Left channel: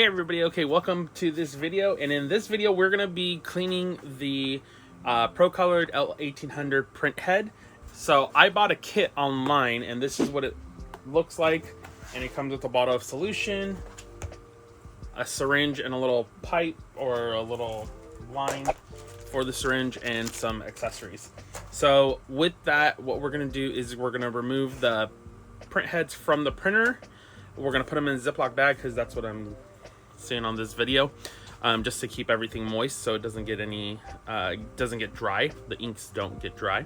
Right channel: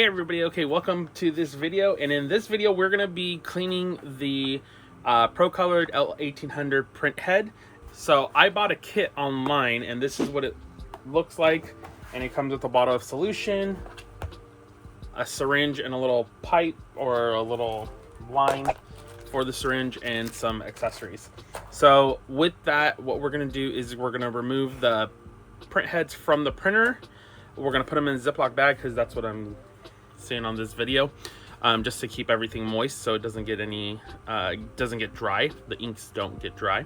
Hey everybody, okay, welcome to this video, and in this video we're going to be cleaning the ProColored L1800 print head. So I bought a kit online and this is what it looks like, and it comes with a bottle of solution, a syringe, and a little pipe or a little line for the syringe, and some accessories. So with that, what we're going to do is we're going to remove the print heads from the printer. We're going to put them in a Ziploc bag because that's what I'm seeing on this video, just to keep everything moist so it doesn't get dry. The inks don't get dry.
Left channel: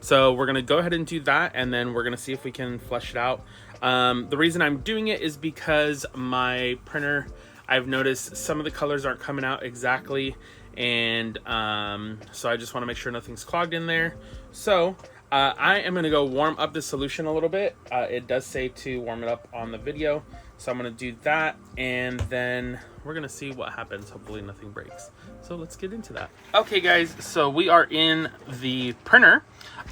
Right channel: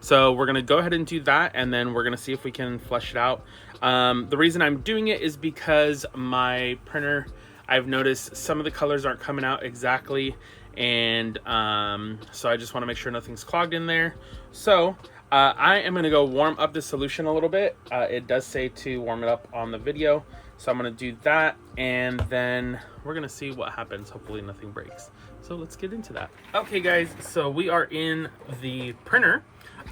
So we're gonna go ahead and do that, and then we're gonna see if we can flesh it out. The reason I'm doing it is because my printer, I've noticed some of the colors aren't coming out exactly, and so I just want to make sure nothing's clogged in there. So I am gonna go warm up the solution a little bit. It does say to warm it up on the video, so I'm gonna do that, and then we're gonna see what happens. Hopefully nothing breaks. So let's get into that. Okay guys, so we are in the printer.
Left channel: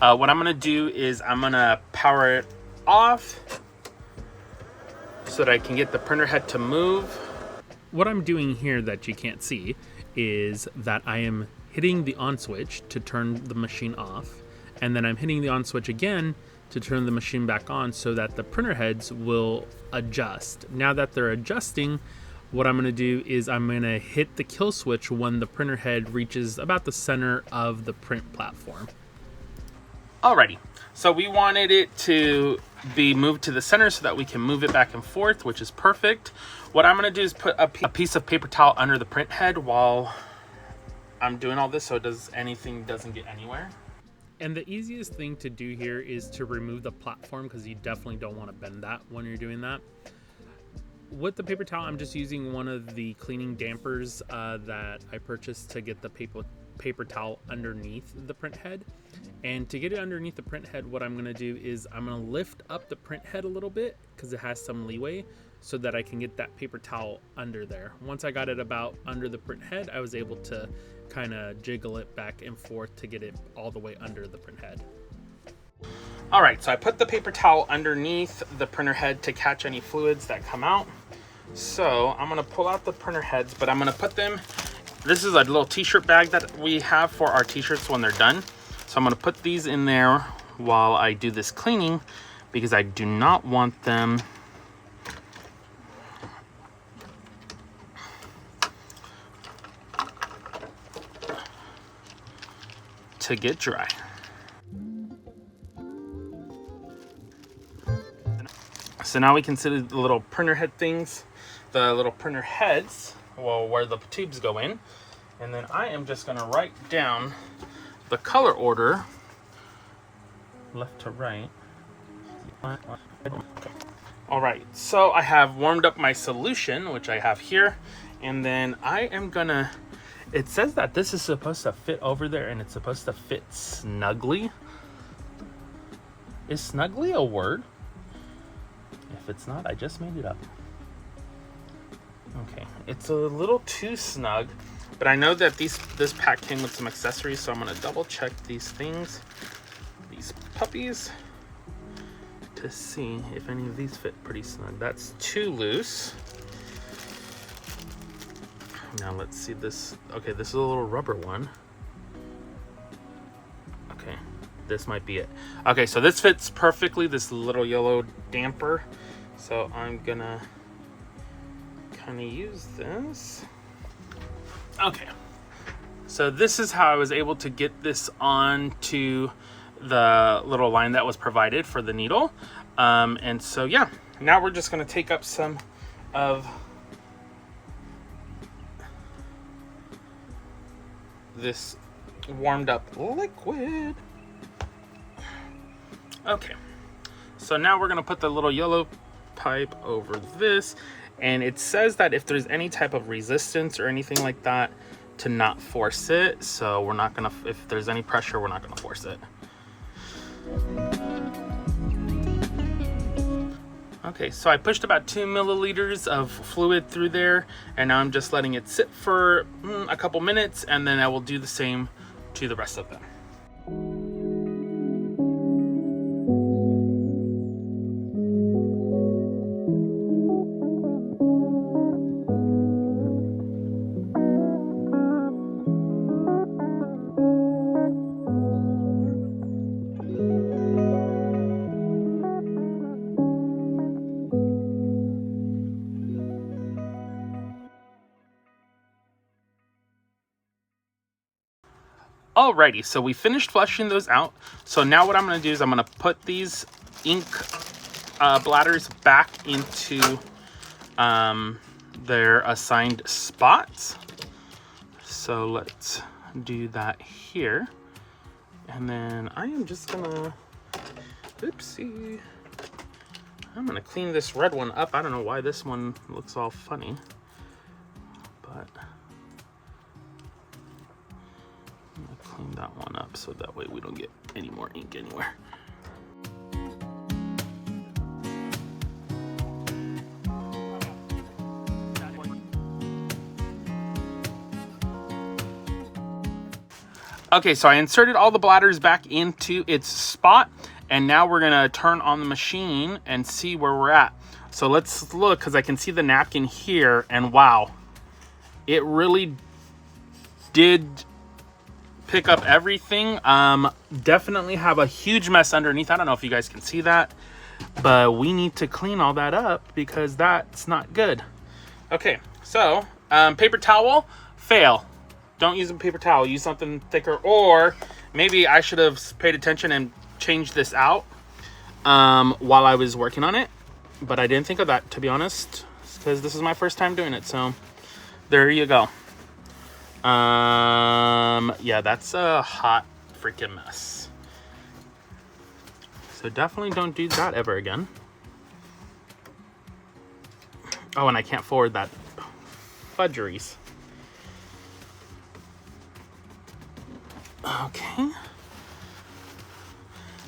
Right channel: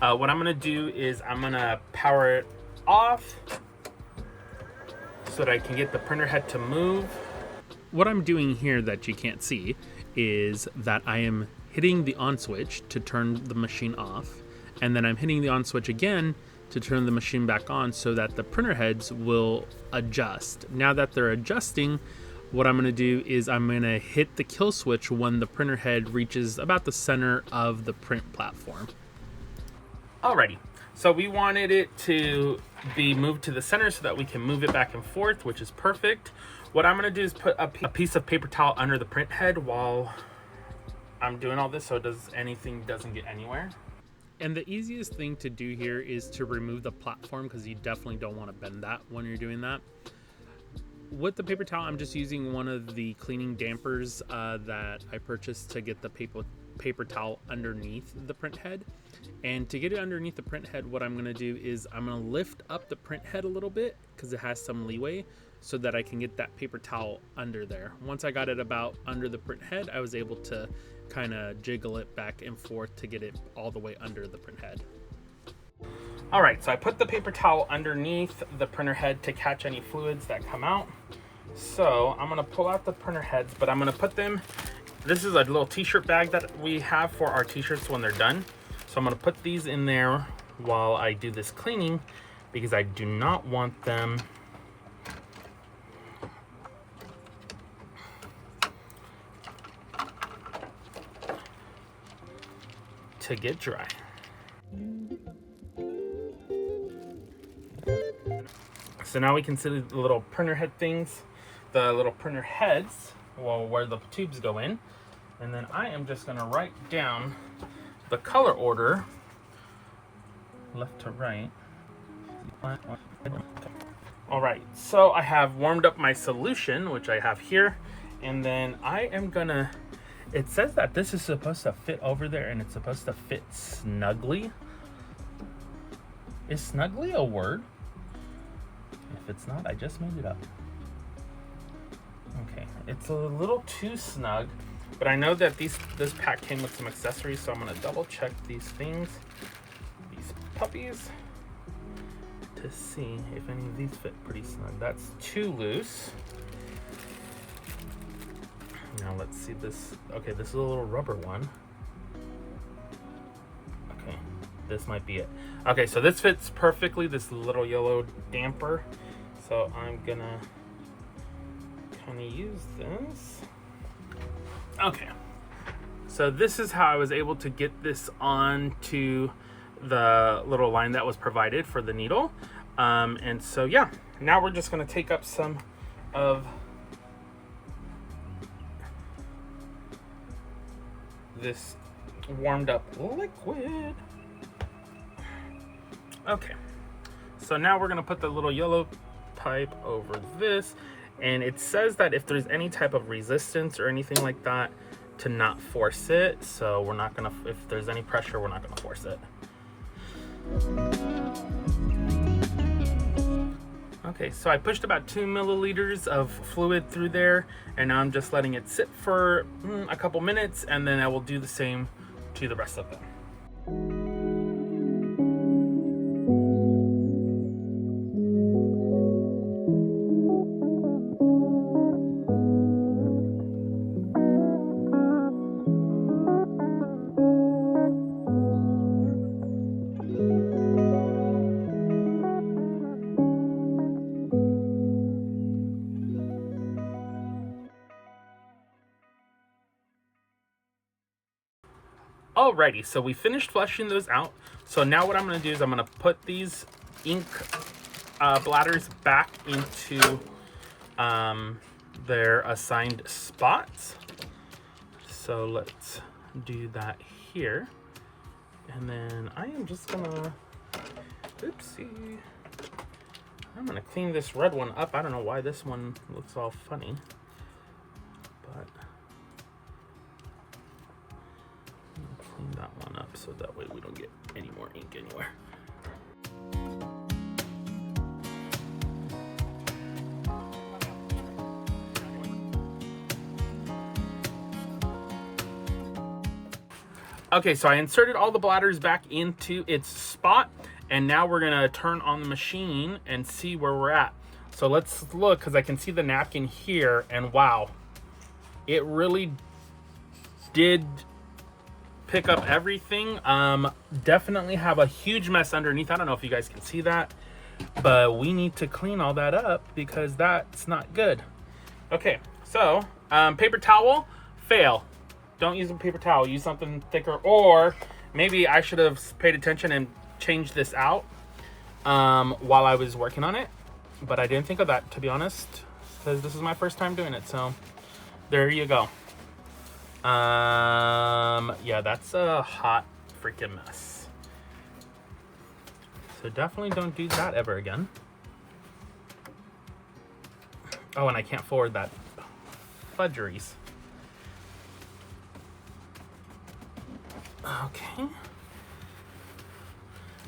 What I'm gonna do is I'm gonna power it off so that I can get the printer head to move. What I'm doing here that you can't see is that I am hitting the on switch to turn the machine off, and then I'm hitting the on switch again to turn the machine back on so that the printer heads will adjust. Now that they're adjusting, what I'm gonna do is I'm gonna hit the kill switch when the printer head reaches about the center of the print platform. Alrighty, so we wanted it to be moved to the center so that we can move it back and forth, which is perfect. What I'm gonna do is put a piece of paper towel under the print head while I'm doing all this so anything doesn't get anywhere. And the easiest thing to do here is to remove the platform, because you definitely don't want to bend that when you're doing that. With the paper towel, I'm just using one of the cleaning dampers that I purchased to get the paper towel underneath the print head. And to get it underneath the print head, what I'm going to do is I'm going to lift up the print head a little bit because it has some leeway, so that I can get that paper towel under there. Once I got it about under the print head, I was able to kind of jiggle it back and forth to get it all the way under the print head. All right, so I put the paper towel underneath the printer head to catch any fluids that come out. So I'm gonna pull out the printer heads, but I'm gonna put them, this is a little t-shirt bag that we have for our t-shirts when they're done. So I'm gonna put these in there while I do this cleaning, because I do not want them to get dry. So now we consider the little printer head things, the little printer heads, well, where the tubes go in. And then I am just gonna write down the color order, left to right. All right, so I have warmed up my solution, which I have here. And then I am gonna, it says that this is supposed to fit over there, and it's supposed to fit snugly. Is snugly a word? If it's not, I just made it up. Okay, it's a little too snug, but I know that this pack came with some accessories, so I'm gonna double check these things, these puppies, to see if any of these fit pretty snug. That's too loose. Now let's see this. Okay, this is a little rubber one. Okay, this might be it. Okay, so this fits perfectly, this little yellow damper. So I'm gonna kind of use this. Okay, so this is how I was able to get this onto the little line that was provided for the needle. And so yeah, now we're just gonna take up some of this warmed up liquid. Okay, so now we're gonna put the little yellow pipe over this, and it says that if there's any type of resistance or anything like that, to not force it. So we're not gonna, if there's any pressure, we're not gonna force it. Okay, so I pushed about 2 milliliters of fluid through there, and now I'm just letting it sit for a couple minutes, and then I will do the same to the rest of them. Alrighty, so we finished flushing those out. So now what I'm going to do is I'm going to put these ink bladders back into their assigned spots. So let's do that here. And then I am just going to, oopsie, I'm going to clean this red one up. I don't know why this one looks all funny, but I'm going to clean that one up so that way we don't get any more ink anywhere. Okay, so I inserted all the bladders back into its spot, and now we're gonna turn on the machine and see where we're at. So let's look, because I can see the napkin here, and wow, it really did pick up everything. Definitely have a huge mess underneath. I don't know if you guys can see that, but we need to clean all that up because that's not good. Okay, so paper towel, fail. Don't use a paper towel, use something thicker, or maybe I should have paid attention and changed this out while I was working on it, but I didn't think of that, to be honest, because this is my first time doing it, so there you go. Yeah, that's a hot freaking mess. So definitely don't do that ever again. Oh, and I can't forward that fudgeries. Okay.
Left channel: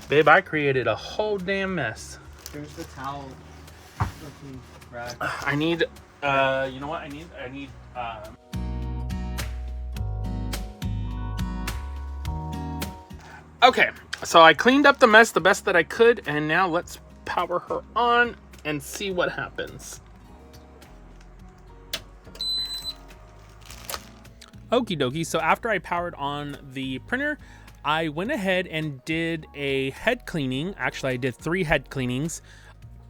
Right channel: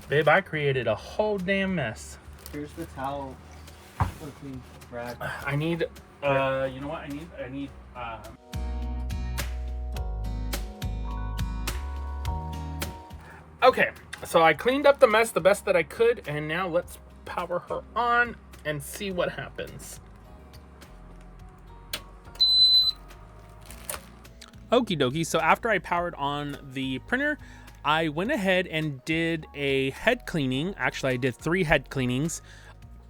Babe, I created a whole damn mess. Here's the towel. Rag. I need, you know what? I need, okay, so I cleaned up the mess the best that I could, and now let's power her on and see what happens. Okie dokie, so after I powered on the printer, I went ahead and did a head cleaning. Actually, I did 3 head cleanings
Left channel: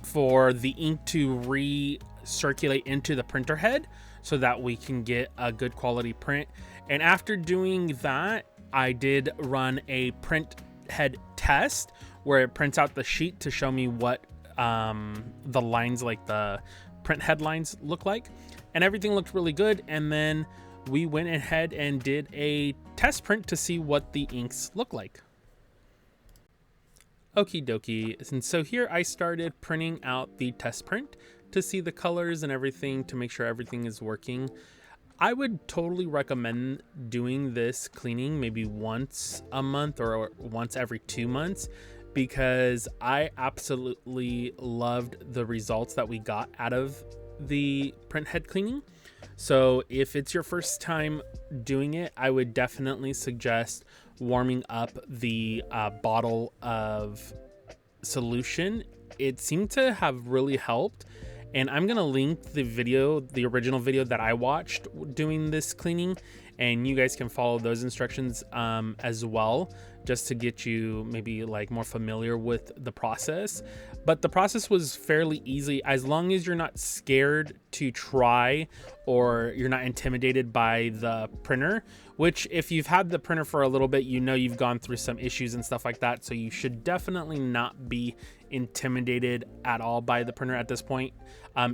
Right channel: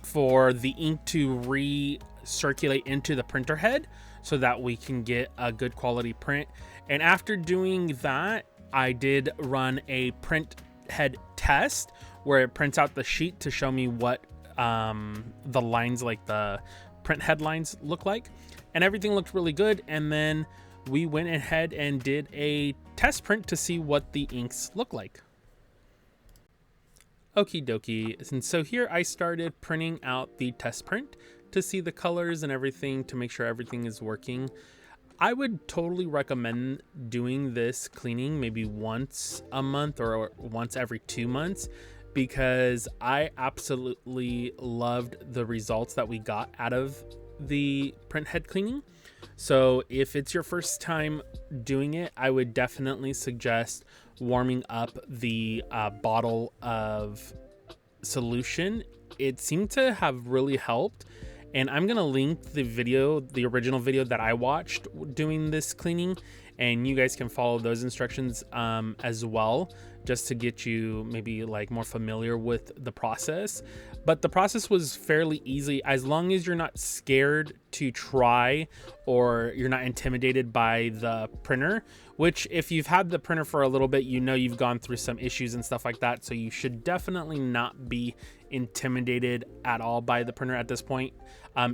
for the ink to recirculate into the printer head so that we can get a good quality print. And after doing that, I did run a print head test where it prints out the sheet to show me what the lines, like the print headlines, look like. And everything looked really good. And then we went ahead and did a test print to see what the inks look like. Okie dokie, and so here I started printing out the test print to see the colors and everything to make sure everything is working. I would totally recommend doing this cleaning maybe once a month or once every 2 months, because I absolutely loved the results that we got out of the print head cleaning. So if it's your first time doing it, I would definitely suggest warming up the bottle of solution. It seemed to have really helped. And I'm going to link the video, the original video that I watched doing this cleaning, and you guys can follow those instructions as well, just to get you maybe like more familiar with the process. But the process was fairly easy as long as you're not scared to try or you're not intimidated by the printer, which if you've had the printer for a little bit, you know you've gone through some issues and stuff like that. So you should definitely not be intimidated at all by the printer at this point.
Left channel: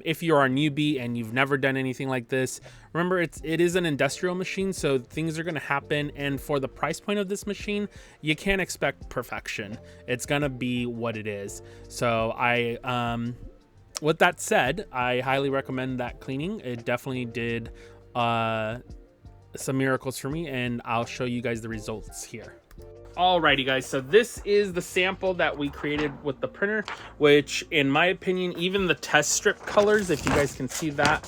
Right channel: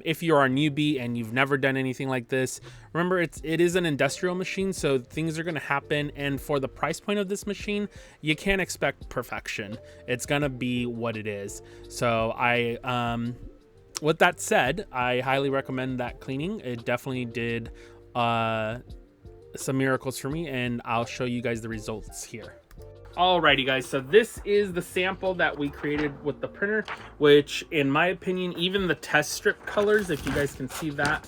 If you're a newbie and you've never done anything like this, remember it is an industrial machine, so things are going to happen. And for the price point of this machine, you can't expect perfection. It's going to be what it is. So with that said, I highly recommend that cleaning. It definitely did some miracles for me, and I'll show you guys the results here. Alrighty guys, so this is the sample that we created with the printer, which in my opinion, even the test strip colors, if you guys can see that,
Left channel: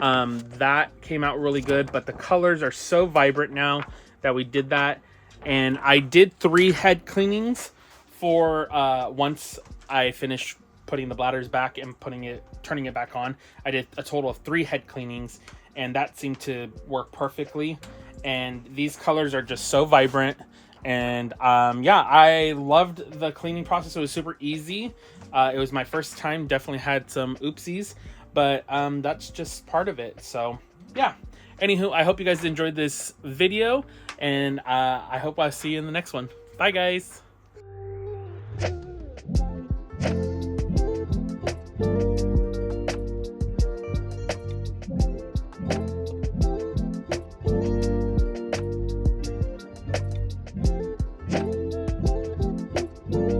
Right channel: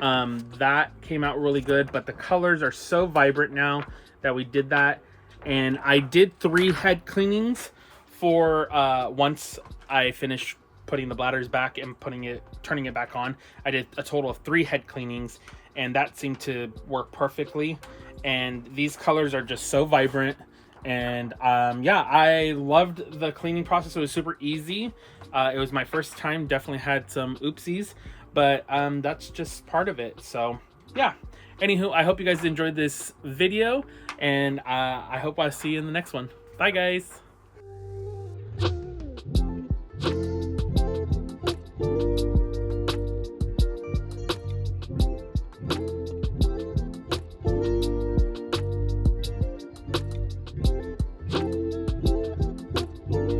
that came out really good. But the colors are so vibrant now that we did that. And I did 3 head cleanings for once I finished putting the bladders back and turning it back on. I did a total of 3 head cleanings, and that seemed to work perfectly. And these colors are just so vibrant. And yeah, I loved the cleaning process. It was super easy. It was my first time, definitely had some oopsies, but that's just part of it. So yeah. Anywho, I hope you guys enjoyed this video, and I hope I see you in the next one. Bye, guys.